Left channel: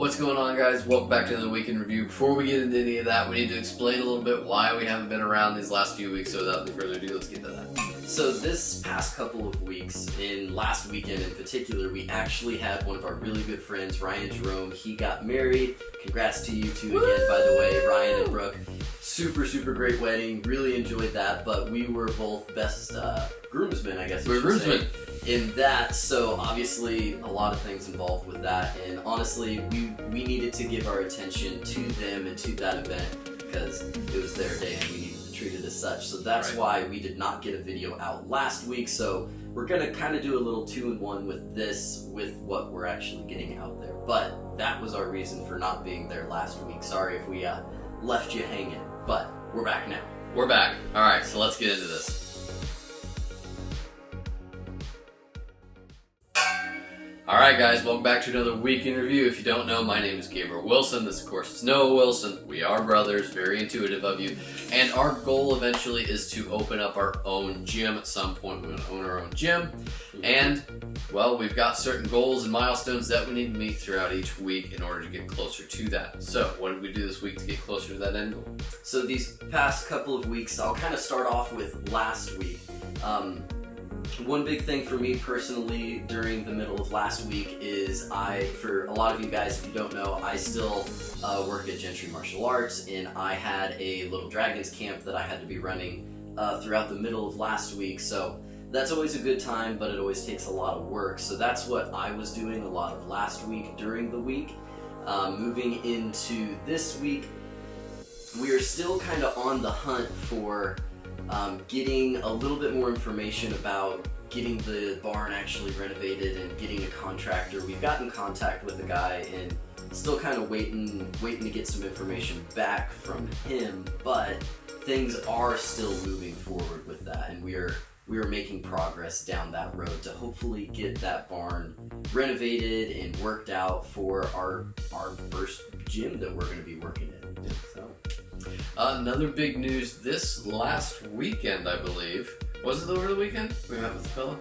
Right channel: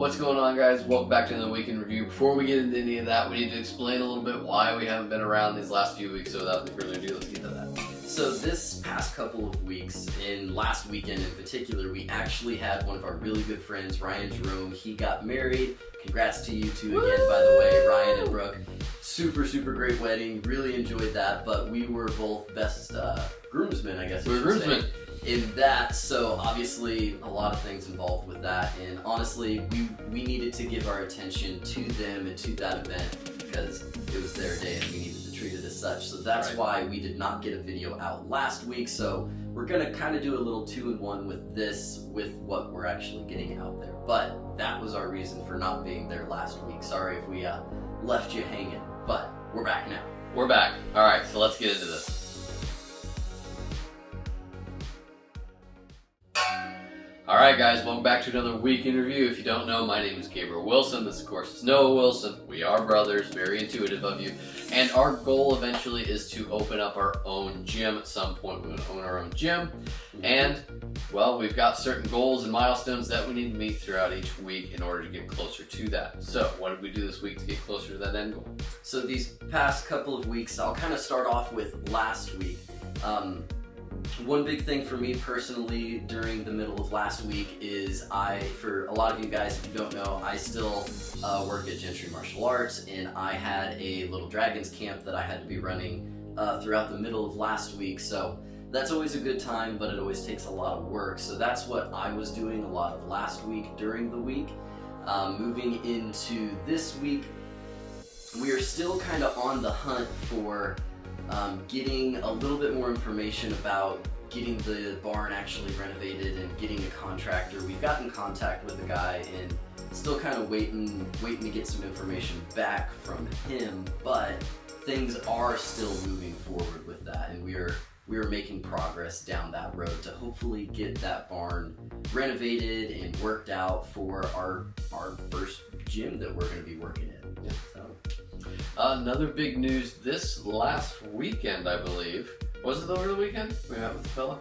What's going on, guys? Welcome back to another week in review. Before we get into any of that, we need to explain a little bit why we haven't been around these last few weeks. So without any further ado, let's get to that. So this past couple of weeks, in last weekend in particular, we actually had one of our really good friends, Ryan Jerome. He got married. Congrats to you two again, by the way, Ryan and Brooke. Super great wedding. Really enjoyed that, but we were both best groomsmen, I guess. We were groomsmen in that, so obviously a lot of things involved with that, and honestly we needed to give our attention to them and to that event because it was their day and we needed to treat it as such. So that's why we did not get a video out last week. So we're gonna kind of do a little 2-in-1 with this, with what we're actually getting out there. But that was our reason for not being there last week. Sorry if we left you hanging, but we're back now. We're back. All right, so let's get into this. Alright guys, welcome back to another week in review. If you don't know, my name is Gabriel Wilson. This of course is Noah Wilson. We are brothers, very intuitive of you. And our goal eventually is to open up our own gym at some point. We're going to own our own gym. And, well, we've got certain goals and milestones that we need to meet throughout each week in order to get closer to that. So, what did we do this week to get closer to that end goal? So these past couple of weeks, I'll kind of start off with last week. One big thing for me personally during the middle of last week is for a lot of you guys, if you don't know, I still work at Gentry Martial Arts, and I had a little Dragons camp that I had to be running throughout the middle of last week. So that's always a good time, but it always takes a lot of work. So that's what I was doing a lot of last week during the week. Moving into this week, we are still kind of on the hunt for getting a little bit more information about getting the barn actually renovated and getting a contractor. We've got in contact with the guy and still kind of waiting to get some information back from him, but things are still moving forward with that, and we are making progress down that road to hopefully get that barn renovated and worked out for our first gym that we're going to be working in. So. Another big news this last weekend, I believe. Was it over the weekend? We met with the fella?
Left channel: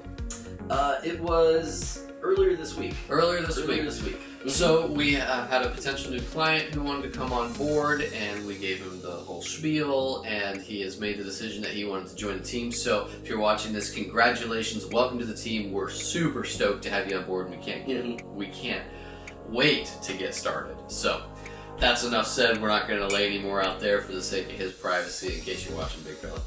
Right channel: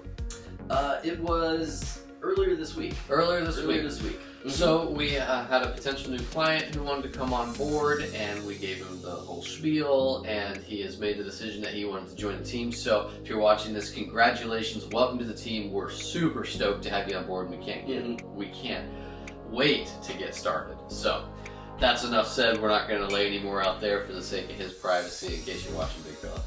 It was earlier this week. Earlier this week. Mm-hmm. So we had a potential new client who wanted to come on board, and we gave him the whole spiel, and he has made the decision that he wanted to join the team. So if you're watching this, congratulations, welcome to the team. We're super stoked to have you on board, and we can't wait to get started. So that's enough said. We're not going to lay any more out there for the sake of his privacy in case you're watching Big Fella.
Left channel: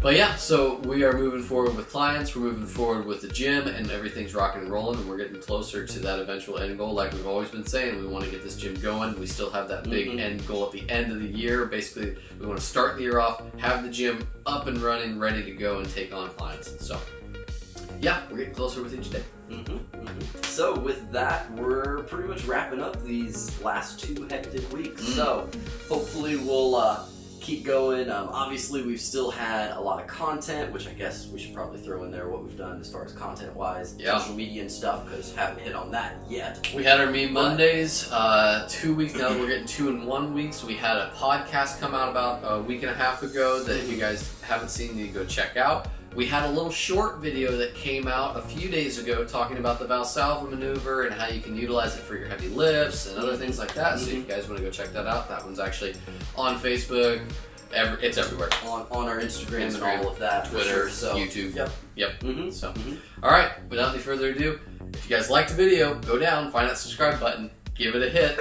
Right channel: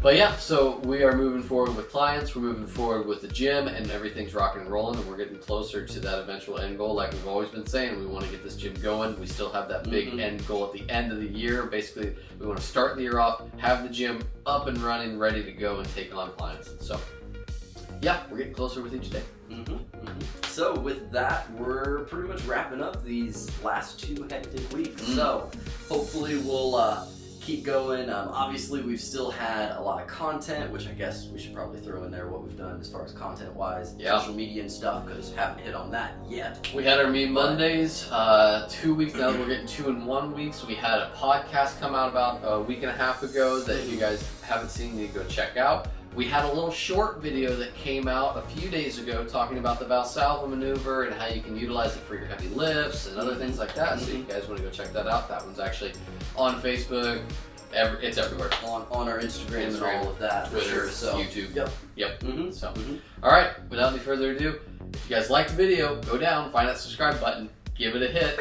But yeah, so we are moving forward with clients, we're moving forward with the gym, and everything's rocking and rolling, and we're getting closer to that eventual end goal. Like we've always been saying, we want to get this gym going. We still have that big end goal at the end of the year. Basically, we want to start the year off, have the gym up and running, ready to go and take on clients. So yeah, we're getting closer with each day. So with that, we're pretty much wrapping up these last 2 hectic weeks. So hopefully we'll keep going. Obviously, we've still had a lot of content, which I guess we should probably throw in there what we've done as far as content-wise, social media and stuff, because haven't hit on that yet. We had our Meme Mondays, 2 weeks now. We're getting 2-in-1 weeks. We had a podcast come out about a week and a half ago that if you guys haven't seen, you need to go check out. We had a little short video that came out a few days ago talking about the Valsalva maneuver and how you can utilize it for your heavy lifts and other things like that. So if you guys want to go check that out, that one's actually on Facebook. It's everywhere. On our Instagram and all of that. Twitter, so, YouTube. Yep. So. All right, without any further ado, if you guys liked the video, go down, find that subscribe button, give it a hit.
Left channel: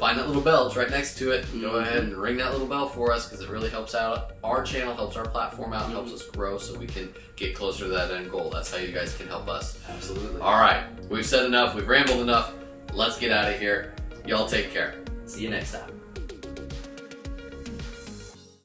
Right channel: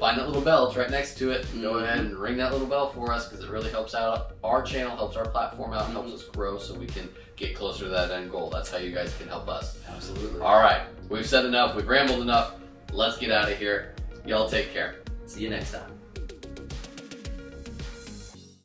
Find that little bell, it's right next to it. Go ahead and ring that little bell for us because it really helps out our channel, helps our platform out, helps us grow so we can get closer to that end goal. That's how you guys can help us. Absolutely. All right, we've said enough, we've rambled enough. Let's get out of here. Y'all take care. See you next time.